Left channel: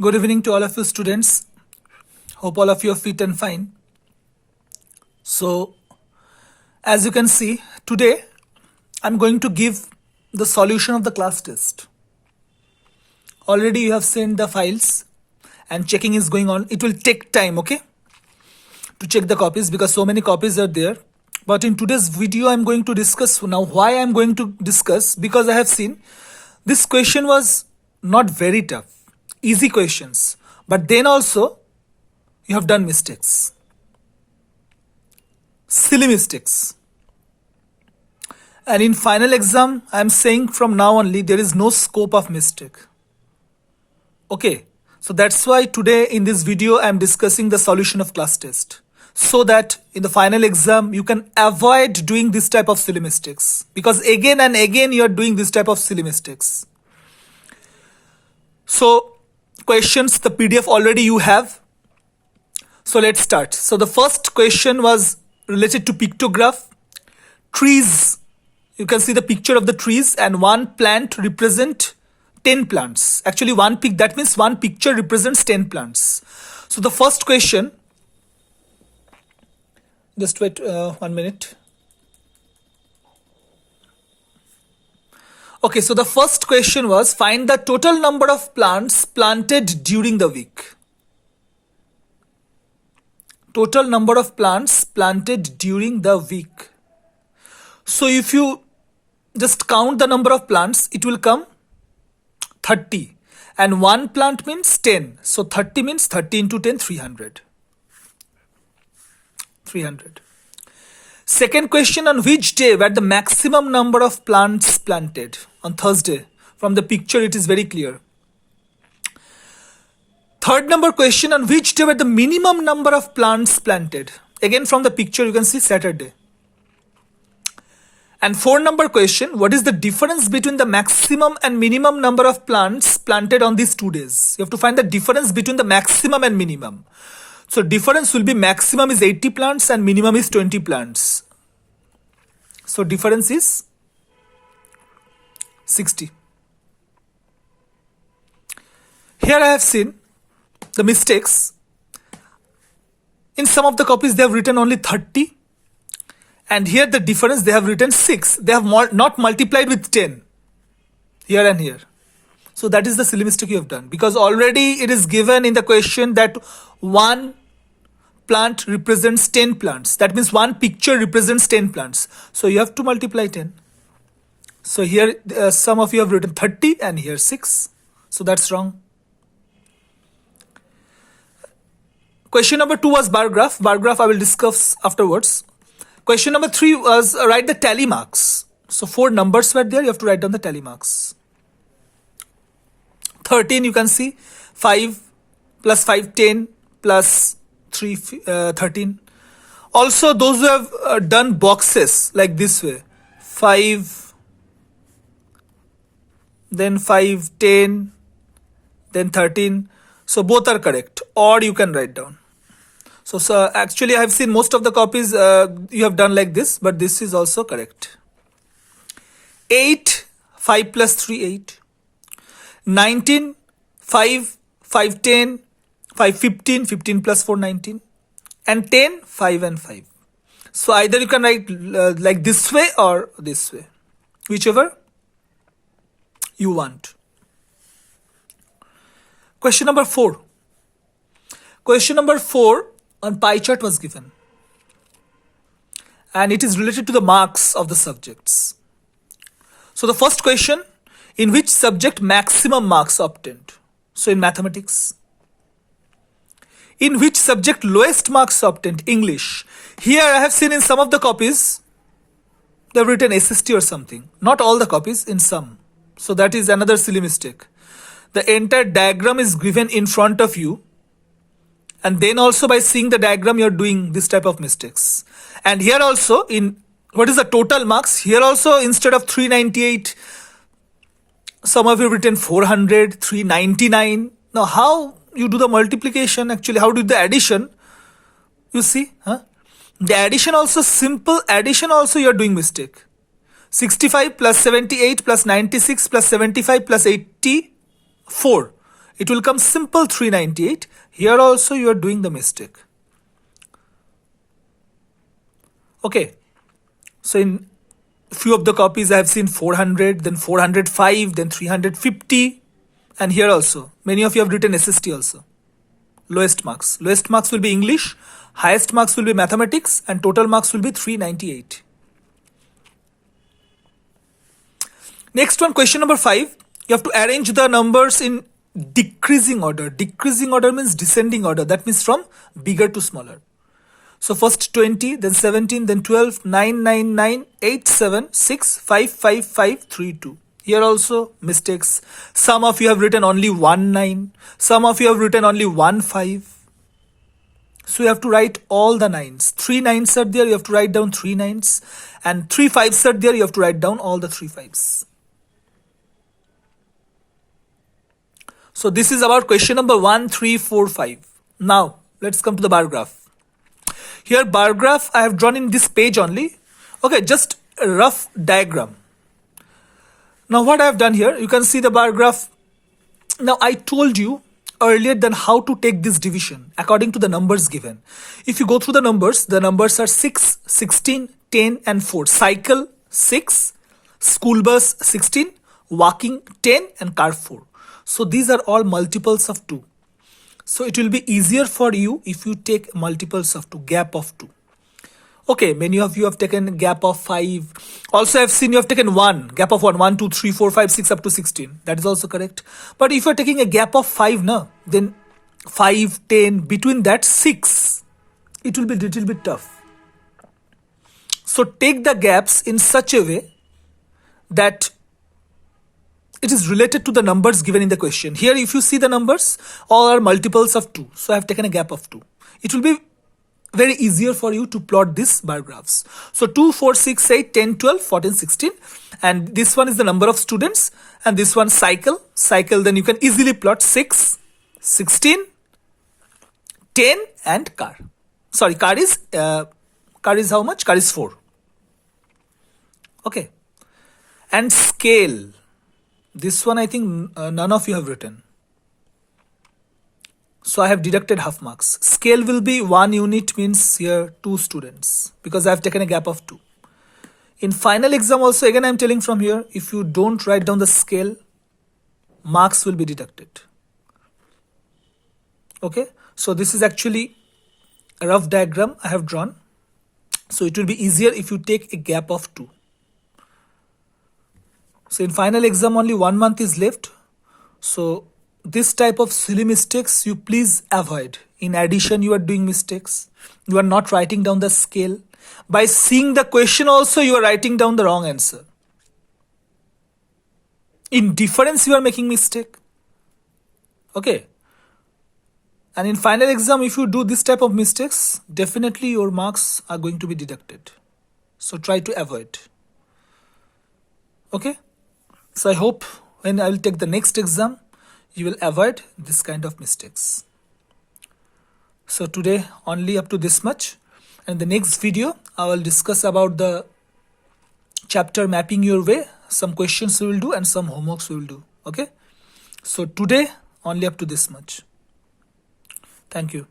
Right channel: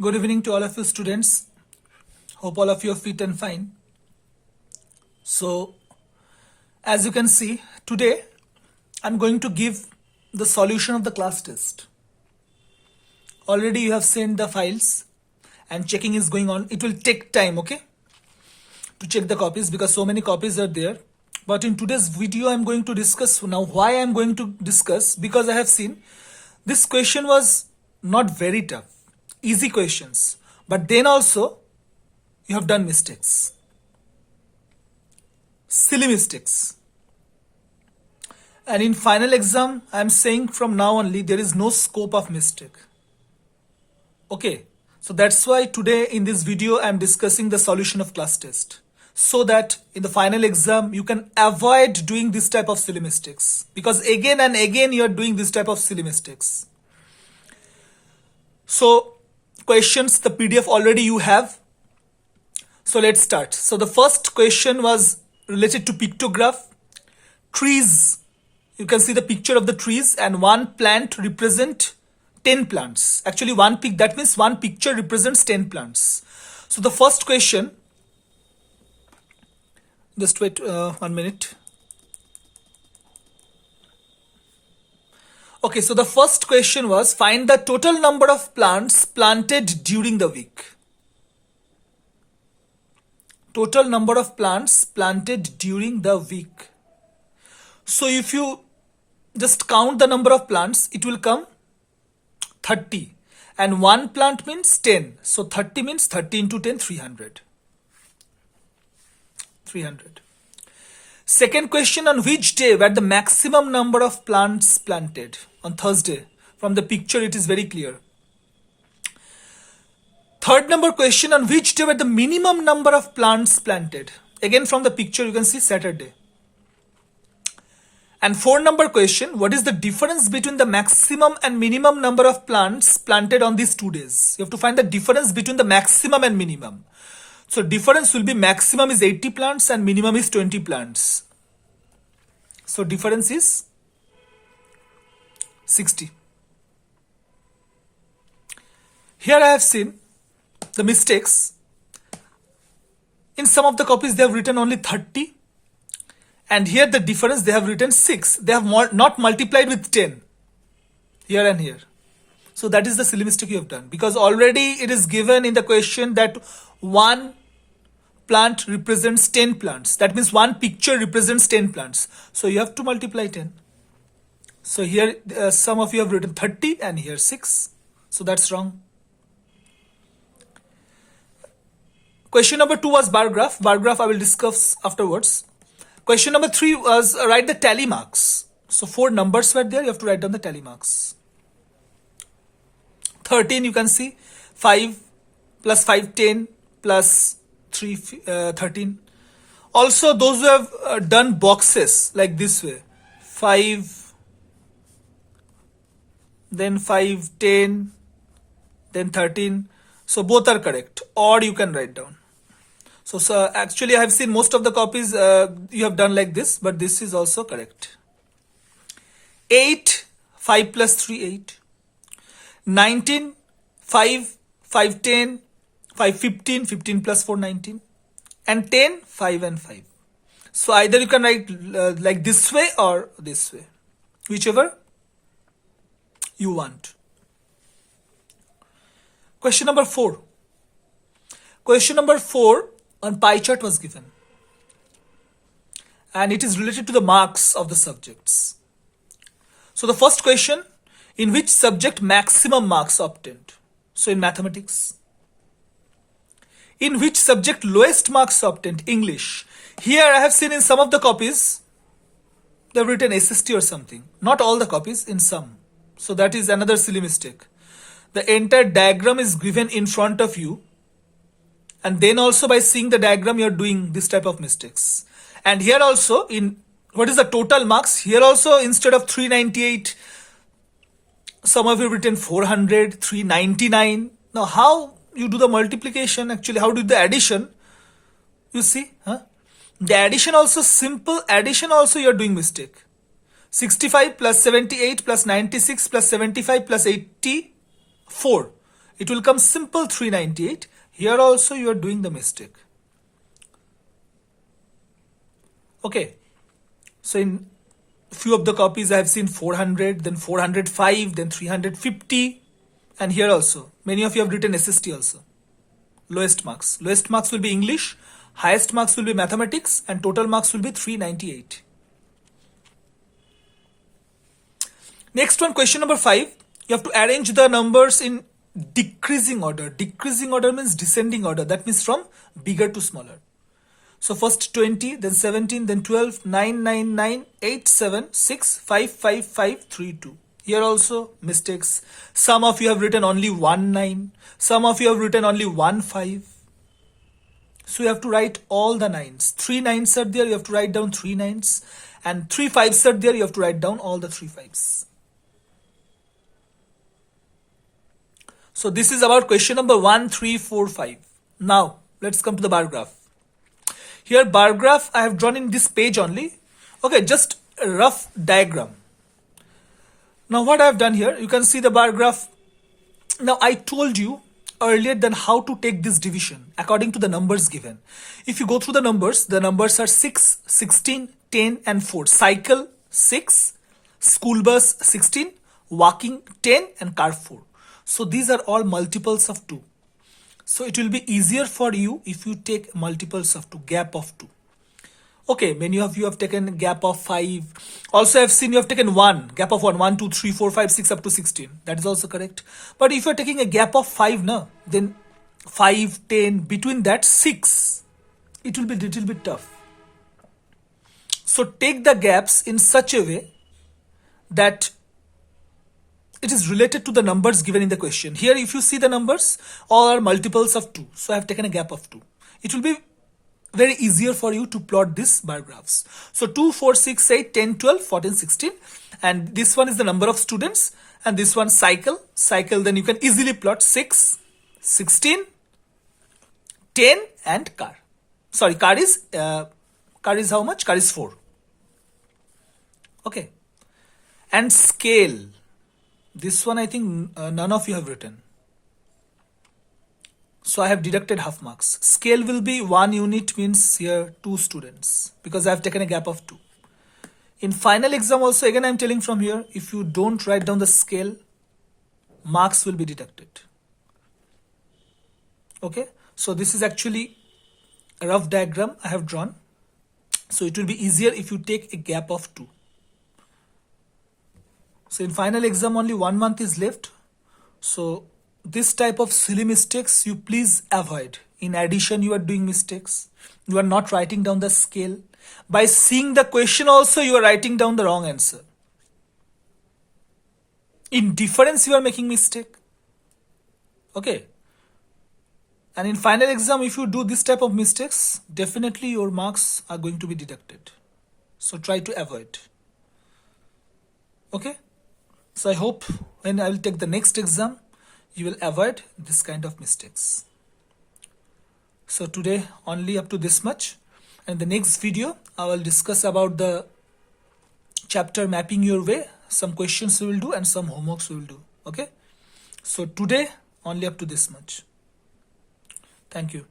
Good evening to all of you students. Hope all of you are fit and fine. So, as you can see, today I'm going to give the solution of the class test. Already you have sent the files and checking is going on. It will take time, okay, to check the copies because so many copies are there. But in today's video, I'm going to discuss now why I'm going to discuss, because I have seen this question was not very tough, easy questions, but then also you have done mistakes, silly mistakes. And in final exam, I'm saying from now only there is no scope of mistake. Okay, so that's why today in this video I'm discussing the solution of class test, so that in the final exam you can avoid doing this type of silly mistakes, because again and again you are doing this type of silly mistakes. So questions, the PDF already you have. So let's start. So the first question was related to pictograph. Trees, you can see the picture of the trees and one plant represent 10 plants. Actually one pic, that means one picture represents 10 plants. So the first question, just wait 1 minute. Okay, so the first question was find the total number of plants planted during the week. Total number of plants planted during the week. So if you just count the number of plants, it will come 30. And one plant means 10. So 30 means 30 into 10, 300. 300. Second question, on which day were the maximum number of plants planted? On Thursday. From the picture it is very clear. Third number question, on which day were the minimum number of plants planted? Again from the picture you can see Saturday. And 4 number question, what is the difference between the maximum and minimum number of plants planted on these 2 days? You have to find the difference between the maximum and minimum. So difference will be maximum is 80 plants and minimum is 20 plants. So difference is 60. Here I have seen the mistakes. In some of the copies they have written only 30. And here the difference they have written 6. They have not multiplied with 10. Here and here. So that is the silly mistake you have done. Because already it is given in the question that one plant represents 10 plants. That means one picture represents 10 plants. So you have to multiply 10. So here some of you have written 30 and here 6. So that's wrong. Question number 2 was bar graph. Bar graph I will discuss afterwards. Question number 3 was write the tally marks. So 4 numbers were there. You have to write down the tally marks. 13 you can see 5 plus 5 10 plus 3 13. Also those who have done boxes like this way 5 then 5 10 then 13. So both are correct, or you can write down. So actually I have seen most of the copies you have done like this, but this is also correct. 8 5 plus 3 8. 19 5 5 10 5 15 15 plus 4 19. And 10 5 and 5. So either you can write like this way or this way, whichever you want. Question number 4. Question number 4 on pie chart was given. And it is related to the marks of the subjects. So the first question, in which subject maximum marks obtained? So in mathematics. In which subject lowest marks obtained? English. Here I have seen in some of the copies, they have written SST or something. Not all the copies, in some. So that is another silly mistake. The entire diagram is given in front of you. And then also by seeing the diagram, you are doing this type of mistakes. And here also, in what is the total marks? Here also, instead of 398, some of you have written 400, 399. Now, how you do the multiplication? Actually, how do the addition? You see, the addition also, simple addition also, you are doing mistake. 65 plus 78 plus 96 plus 75 plus 84. it will come simple 398. Here also you are doing the mistake. Okay, so in few of the copies I have seen 400, then 405, then 350, and here also many of you have written SST also. Lowest marks will be English, highest marks will be mathematics, and total marks will be 398. Next one, question number 5. You have to arrange the numbers in decreasing order. Decreasing order means descending order. That means from bigger to smaller. So first 20, then 17, then 12, 9, 9, 9, 8, 7, 6, 5, 5, 5, 3, 2. Here also mistakes. Some of you have written only 1, 9. Some of you have written only 1, 5. So you have to write all the 9s. 3 9s are there, you have to write down 3 9s. And 3 5s are there, you have to write down all the 3 5s. So this is about question number 1, 3, 4, 5. Now let's come to the bar graph. Here bar graph I have drawn in this page only. Okay, just a rough diagram. Now what I have done here, you can see the bar graph. Now I told you earlier then how to take this division according to the numbers given. If you go through the numbers are 6, 16, 10 and 4. Cycle 6, school bus 16, walking 10 and car 4. So these are all multiples of 2. So it will be easier for you if you take multiples of 2, gap of 2. Okay, many of you have taken gap of 5. Also I have seen you have taken 1, gap of 1, 1, 2, 3, 4, 5, 6 up to 16. That is also correct. But if you are taking a gap of 5 now, then 5, 10, between that 6, it will be little bit tough. So take the gaps in such a way that it is related to the numbers given in the question. Here if you see the numbers, all are multiples of 2. So I have taken a gap of 2. It will be very easier for you to plot these bar graphs. So 2, 4, 6, 8, 10, 12, 14, 16. And this one is the number of students. And this one cycle. Then you can easily plot 6, 16, 10 and car. Sorry, car is how much? Car is 4. Okay. And scale. This one I think none of you have written. So I have deducted half marks. Scale will be 1 unit, means here 2 students, because I have taken a gap of 2. In final exam also, again I am telling from here, if you don't write down the scale, marks will be deducted. Okay, so this is actually a rough diagram I have drawn. So it will be easier if you take a gap of 2. So in final exam only 1 month is left. So this type of silly mistakes you please avoid. In addition, you are doing mistakes. You are not writing down the scale. By seeing the question also, you are writing down the wrong answer. In difference, you are making mistake. Okay. And in final exam, if you do this type of mistakes, definitely your marks are going to be deducted. So try to avoid. Okay. So I hope when I will take the next exam, you will avoid this kind of mistakes. So today only up to this much. And the next video, I will discuss about the chapter mapping your way. Some questions we will do and some homeworks we will do. Okay. So today only up to this much. Thank you.